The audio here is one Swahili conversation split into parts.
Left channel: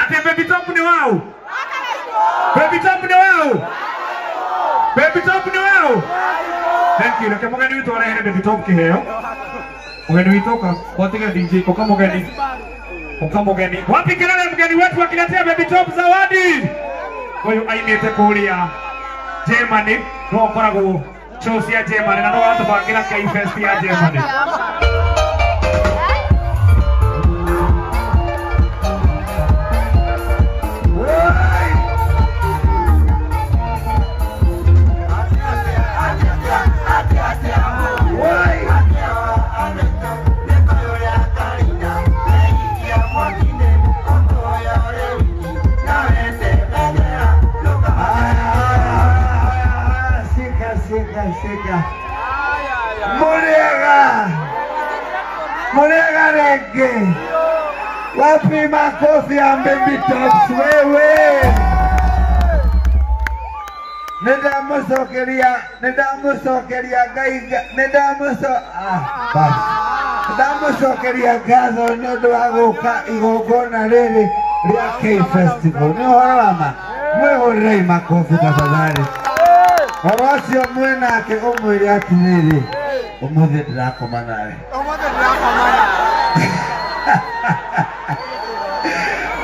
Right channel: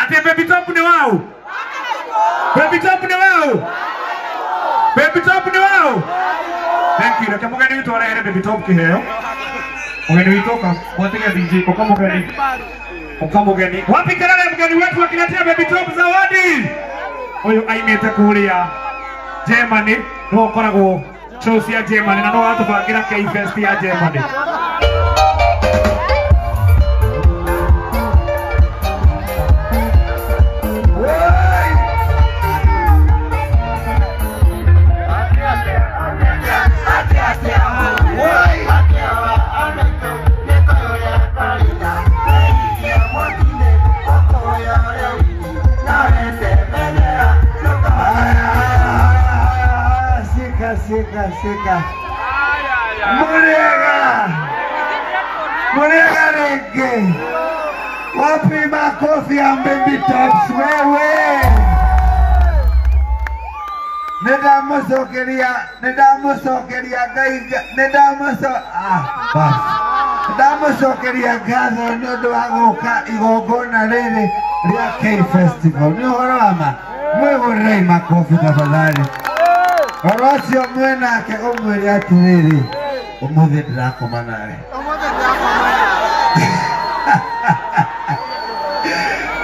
Ate baby top ni wao. Baby top ni wao. Baby top ni wao. Thank you. Kama mgeni wetu wala baby top kiheo. Mgeni wetu kwa tena DJ kwa kama mgeni. Kwa mgeni. Wapi kelele mgeni wetu akiletea baby top zawadi. Huyu ainete kulia Germany no korago shows ya Germany na no watu bakira kai fest ya Germany. Sika. Murega rege. Wapi makofi ya baby tops wewe. Nedamusokeria gaiga. Nedamusokeria gazo nodo agoka igogona rere ria K Festival. Ni horama. Mwe makofi tafadhali. Orosio mwena ke omwiri atiriri umuthi ndirakoma nawe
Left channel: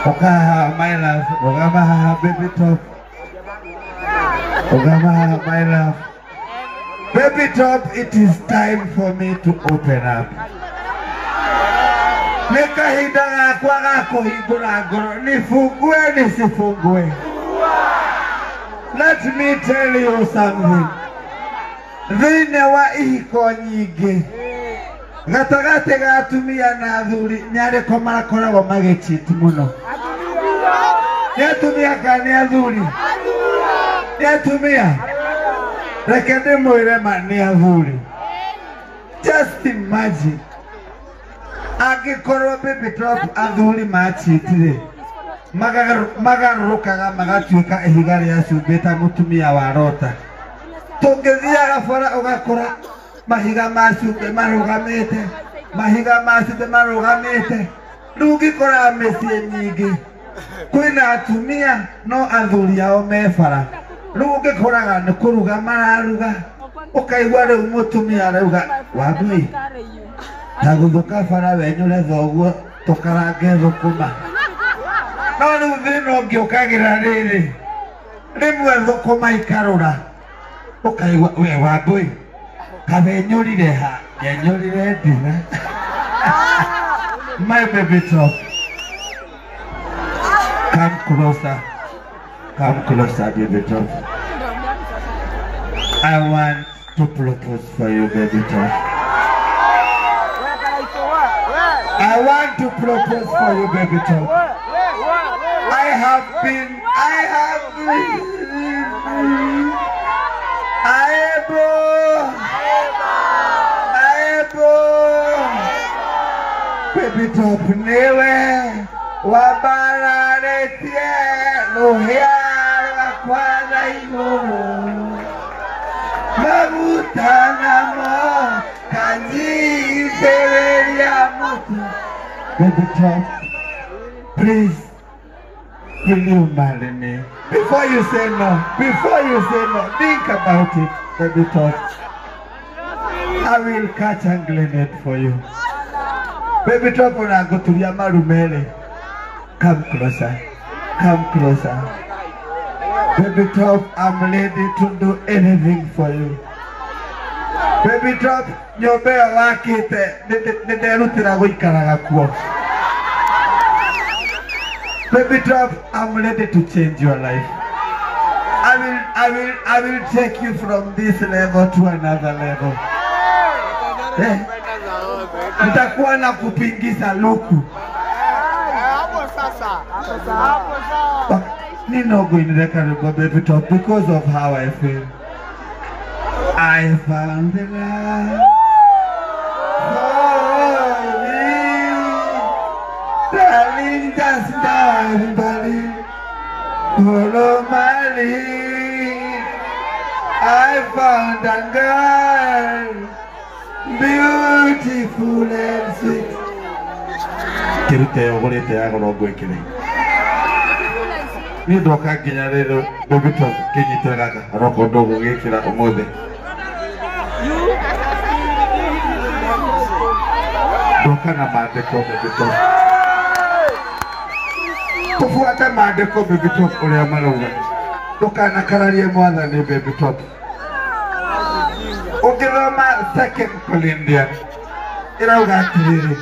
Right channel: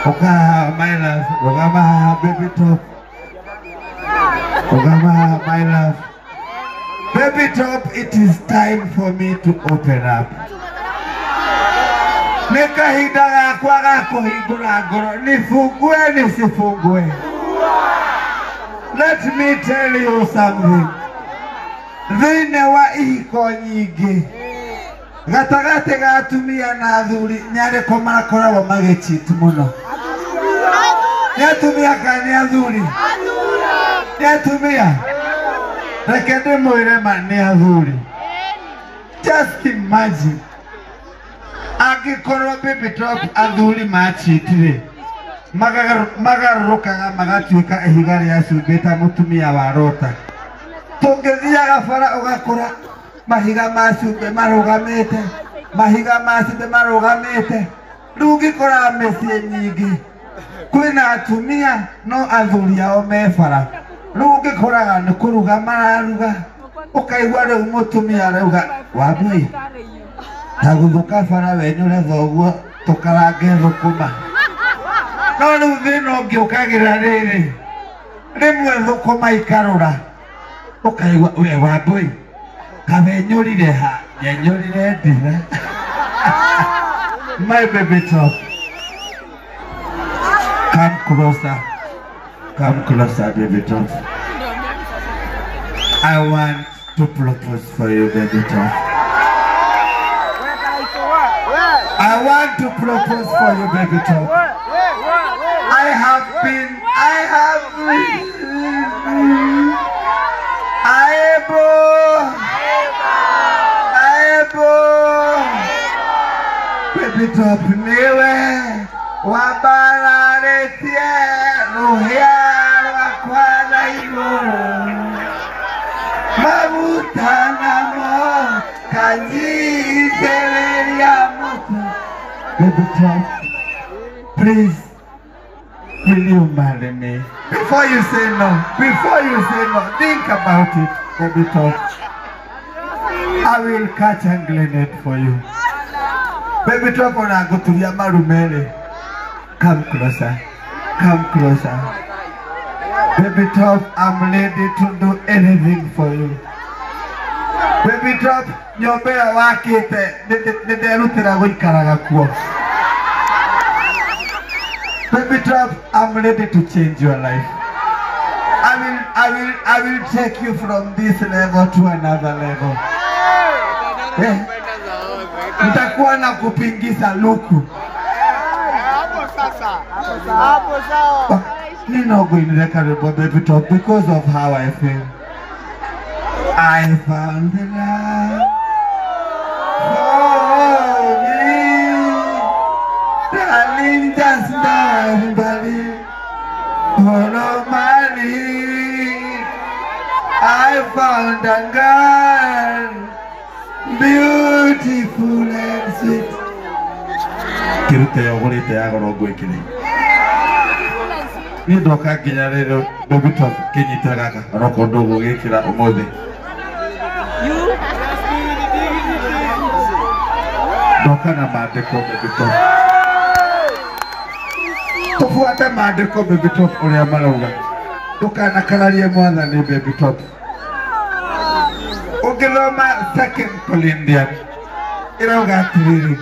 Oka my love Ogama baby top Ogama my love baby top, it is time for me to open up. Nikahinda gakwa gakuhingura ngoro nifungue nisifungue. Let me tell you something. Thine wa ihiko nyingi gatagate gatumia na athuri nyareko marakoragwo magĩcheat muno. Nĩatumia kana nĩ athuri? Nĩatumia. Reke ndĩmwĩre ma nĩ athuri. Just imagine. Angĩkorwo baby top athuri macheat-rĩ, magarukaga magatuĩka ihiga rĩa cumbĩ ta mũtumia wa Rota. Tũngĩthiaga bara ũgakora mahiga ma cumbĩ marũgamĩte, mahiga ma cumbĩ marũgamĩte. Rĩu ũngĩkora mĩciĩ nyingĩ kwĩna atumia no athuri ao me bara. Rĩu ũngĩkoraga nĩ kũruga mararuga, ũkaigua rĩu mũtumia arauga Wambui ta gũthũka bara wenyũre thoguo tũkarange thũkũma. No rĩu thĩna ũngĩũkagĩra rĩrĩ, rĩmwe thũkũma ikarũra, ũkaigua we Wambui kabe nyũrire ha, nyenyũrire ndire. My baby top, come closer, baby top. I want to propose for you, baby top. I want to propose for you, baby top. Baby top niwe wabararetie ruhia rwakwa na igũrũ maguta namo kanjitĩrĩria mũtu. Baby top, please, will you marry me? Before you say no, think about it, baby top. I will catch and glean for you. Baby top, when I go to Yamarumere, come closer. Baby top, I'm ready to do anything for you. Baby top, nyombea wakite, nderutira guikaraga kuo. Baby top, I'm ready to change your life. I will take you from this level to another level. Nitakuwa na kupingiza luku. Ninogo inireka baby top because of how I feel. I found the love for me. Darling, just don't believe. Follow my lead. I found a girl, beautiful and sweet. akirute ogorete yagoro gwekire ni ndoka nginya rero Bebito kinyite gaka aroko ndogo gikira umuthe ndoka na maandiko Bebito tufuate maandiko Bebito uria marauga ndoka na kararie mwathani Bebito ukithoma 2 Corinthians irauga atiriri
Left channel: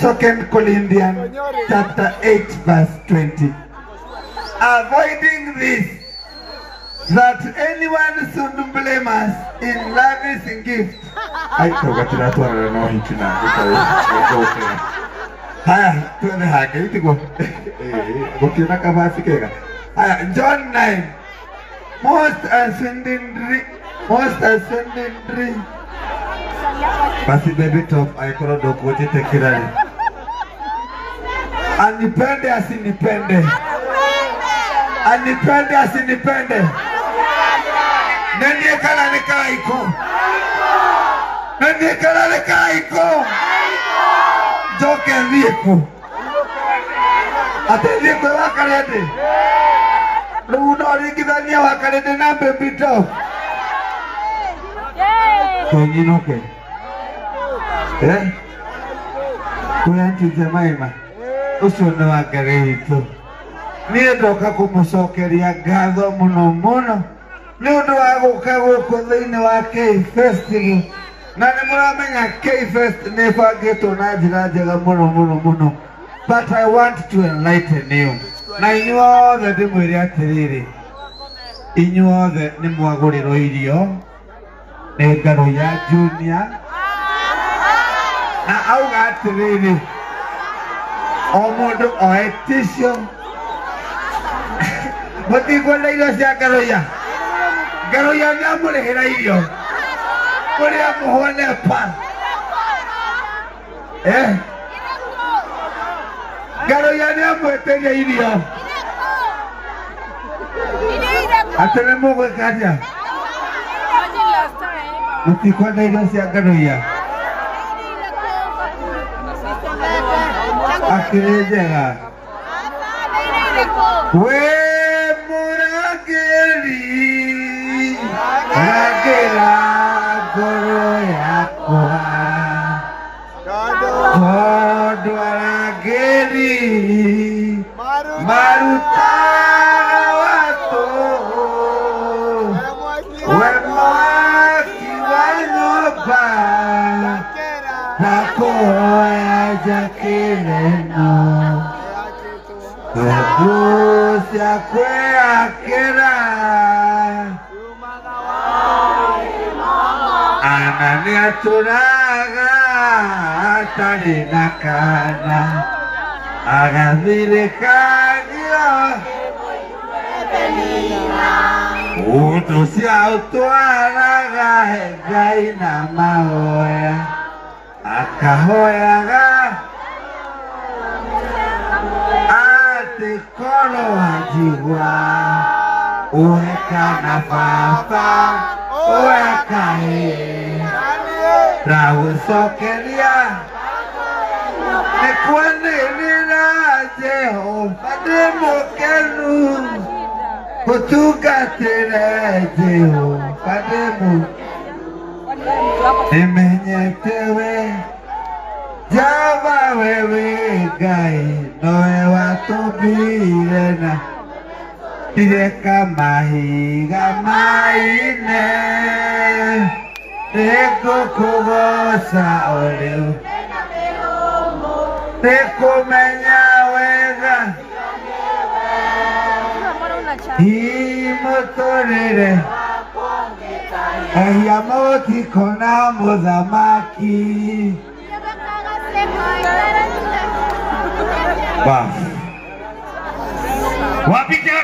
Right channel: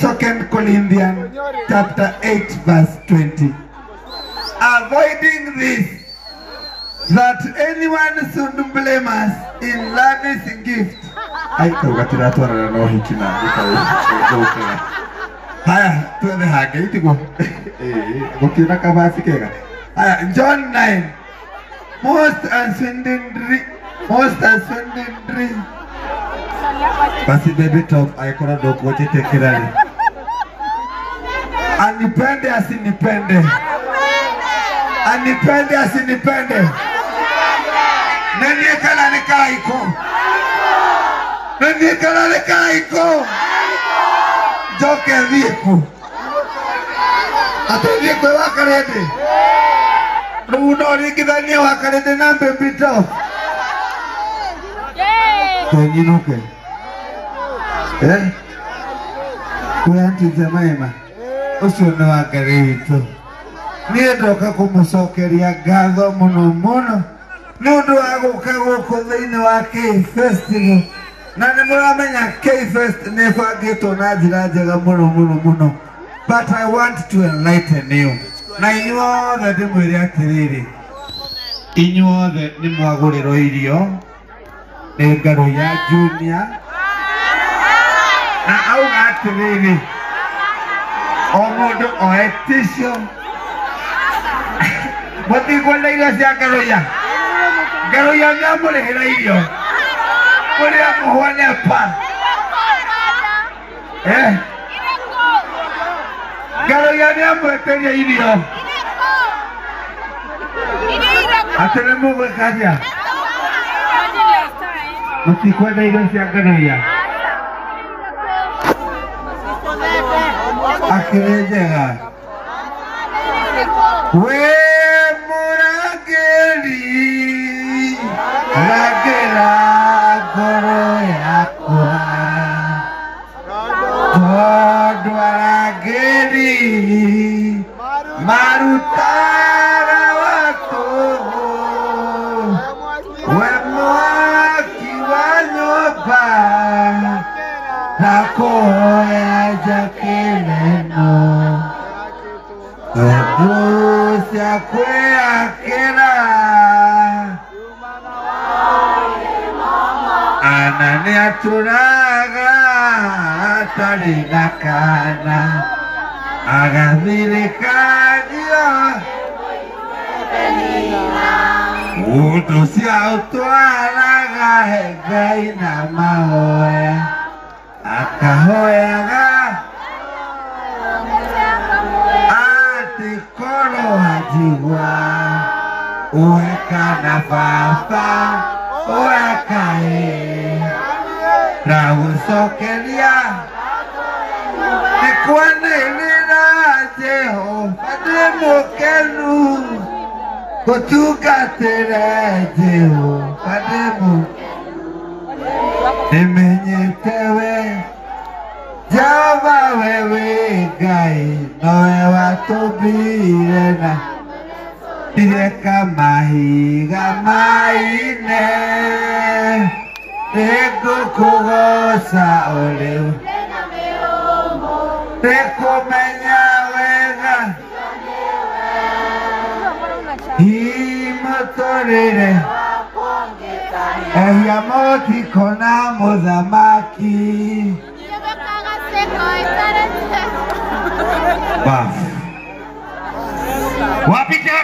2 Corinthians chapter 8 verse 20 avoiding this that anyone should blame us in lavish gift ai kaugatira twana no hikina ikaukira haya tuende hake itigo gukira kabasi kega haya John 9 most ascending basi Bebito aikora dokote tekirani anipende asinipende anipende asinipende nani kala nikaiko nani kala nikaiko joke viko atendiko wakarede runo rigidania wakarede na Bebito Tonyinoke kuyanti Jemima ucio ni wa Ngai witũ niĩ ndoka kũmũcokeria ngatho mũno mũno nĩ ũndũ wa gũka gũkũ thĩinĩ wa K-Festival na nĩ mũramenya K-Fest nĩ ĩbangĩtwo na njĩra njega mũno but I want to enlighten you na inyuothe ndĩmwĩre atĩrĩrĩ inyuothe nĩ mwagũrĩrwo irio nĩ Ngaro ya Junior na auga atĩrĩrĩ o mũndũ oe tissue mũtikũona irio cia Ngaro ya nĩamũrĩhĩra irio kũrĩa mũhũne pa Ngaro ya nĩamwĩtĩria irio atĩ nĩ mũgwĩka atĩa mũtikũona irio cia Ngaro ya akĩrĩ njega we mũrangĩri rangĩra ngoro yakwa tondũ arangĩri marutaga watũ we mwaki wa nyũmba na kũhoya njakĩreno tondũ cia kwĩakĩra ana nĩ atũraga atarĩ na kana agathirĩkagio ũndũ cia ũtwaraga Ngai na mahoya akahoyaga atĩ korwo njigua ũheka na baba ũheka ndagũcokeria nĩ kwanĩrĩra Jehova ndĩ mũkenu gũtungatĩre Jehova ndĩ mũkenu nĩmenyete we Jehova we wĩ Ngai nowe watũmbire na ndireka mahiga maine nĩngũkũgoca o rĩu nĩkũmenya wega imũtũrĩre ehia mũtiko na mũthamaki wapike